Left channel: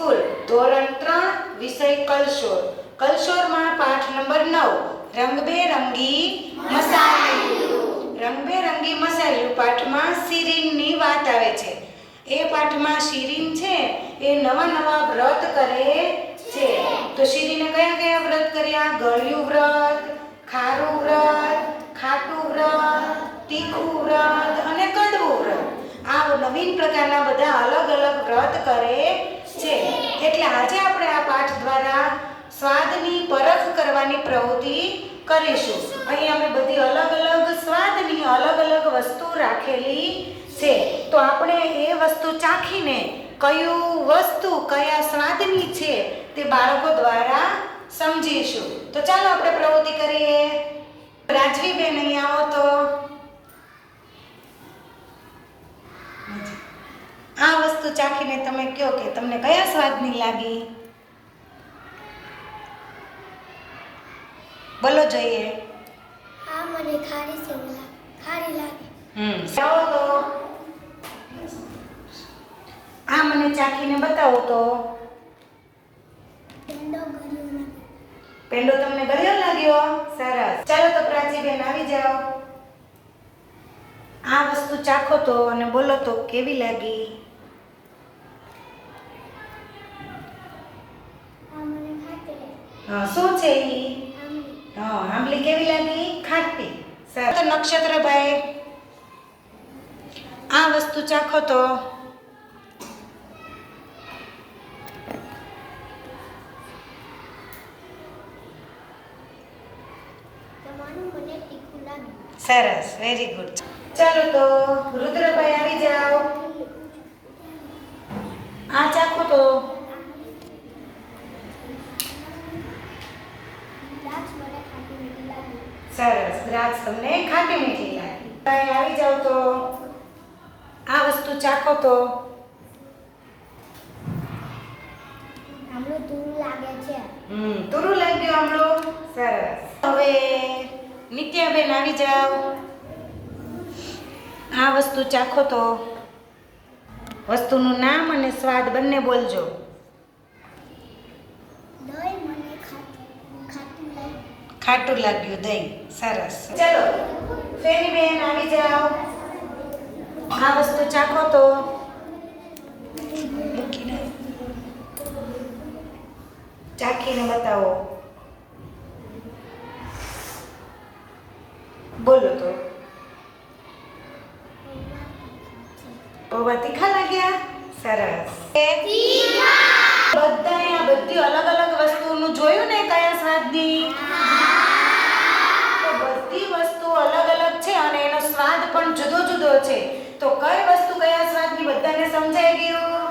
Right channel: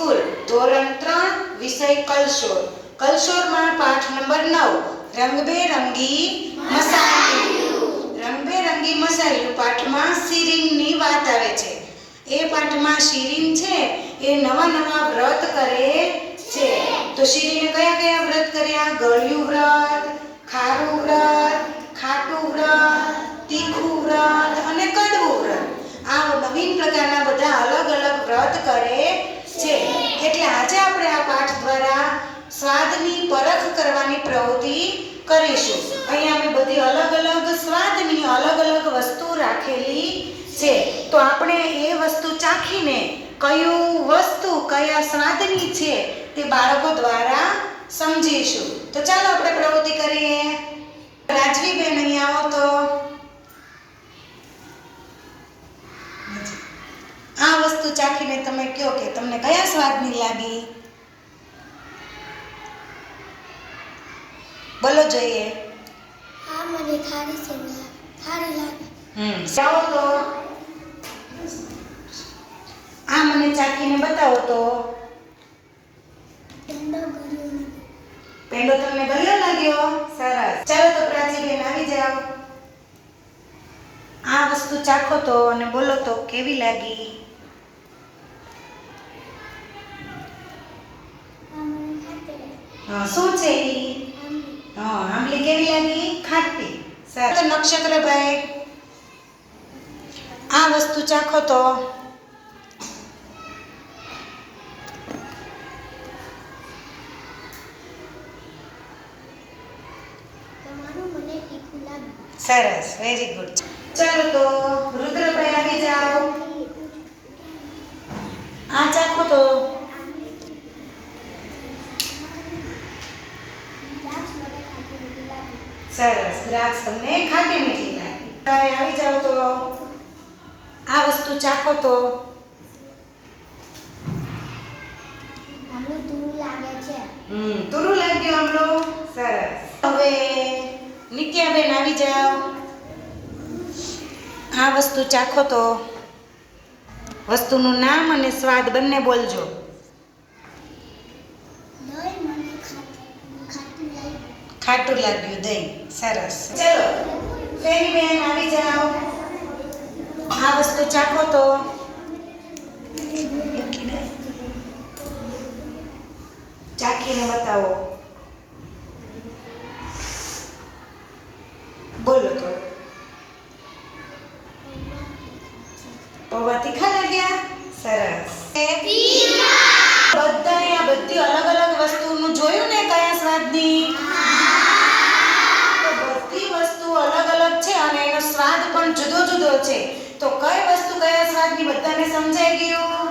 School ધોરણ 3 વિષય કલશોર. કલશોરમાં પાઠ નંબર 9 રંગબેરંગી મસાલિયું. રંગબેરંગી મસાલિયું પાઠમાં શિરીનની વાત આવે છે. એ પાઠમાં શિરીન છે એ નવા નવા વ્રત કરે છે. તો શિરીને કયા કયા વ્રત કર્યા? ગળ્યું વ્રત, ખારું વ્રત, ખાટું વ્રત, તીખું વ્રત અને કડવું વ્રત. આ નવીન પ્રકારના બધા અલગ અલગ વ્રત કરે છે. એટલે આજે આપણે આ પાઠ દ્વારા સ્વાદની પરખ કરવાની પ્રવૃત્તિ કરીશું. અહીં આપણે બધી અલગ અલગ સ્વાદની અલગ અલગ વસ્તુ રાખેલી છે. તો આપણે એ વસ્તુ ચાખીને કયું વસ્તુ કયા સ્વાદની છે તે બાળકો દ્વારા સમજીશું. તો ચાલો આપણે પ્રવૃત્તિ કરીએ. રાજવીબેન અહીં આવો તો. આ વસ્તુ ચાખીને તમે કહો કે તમને કયા સ્વાદની લાગી? બોલો જોઈએ. હા, મને ખારી લાગી. ચાલો તો આ મને ચાખીને બતાવો તો. પેંડો તમને ગળ્યો લાગ્યો? સરસ. ચાલો તો પ્રાચીબેન આવી જાઓ. આ વસ્તુ ચાખો તો અને બોલો તો કેવી લાગી? શું છે ઈ? આંબલી કેવી લાગી? ખાટી. સરસ. નક્ષત્રભાઈ આ વસ્તુ ચાખો તો. સરસ, વેરી ગુડ. ચાલો તો રુદ્રભાઈ આવી જાઓ. આ ચાખો તો. સરસ, દ્રાક્ષ તમને ખાટી મીઠી લાગી. તમે આવી જાઓ તો આ વસ્તુ ચાખો તો. આમળું તુરું લાગે છે. તુરું લાગ્યું આમળું? સરસ. હવે નિત્યાબેન આવી જાઓ. આ વસ્તુ ચાખો તો. વસ્તુનું નામ અને સ્વાદ બંને બોલજો. દહીં મને ખાટું લાગ્યું. ખાટું લાગ્યું દહીં. સરસ. ચલો ફેરીબેન આવી જાઓ. આ વસ્તુ ચાખો તો. ચાખીને બતાવો. બોલો તો. પૌવા તીખા લાગ્યા? સરસ. બધાએ આ બધી અલગ અલગ વસ્તુનું જોયું ને કયા સ્વાદની? તો બધી વસ્તુ અલગ અલગ છે અને એનો સ્વાદ પણ જુદો જુદો છે. તો કઈ વસ્તુ કયા સ્વાદની બધાને સમજાઈ ગયું?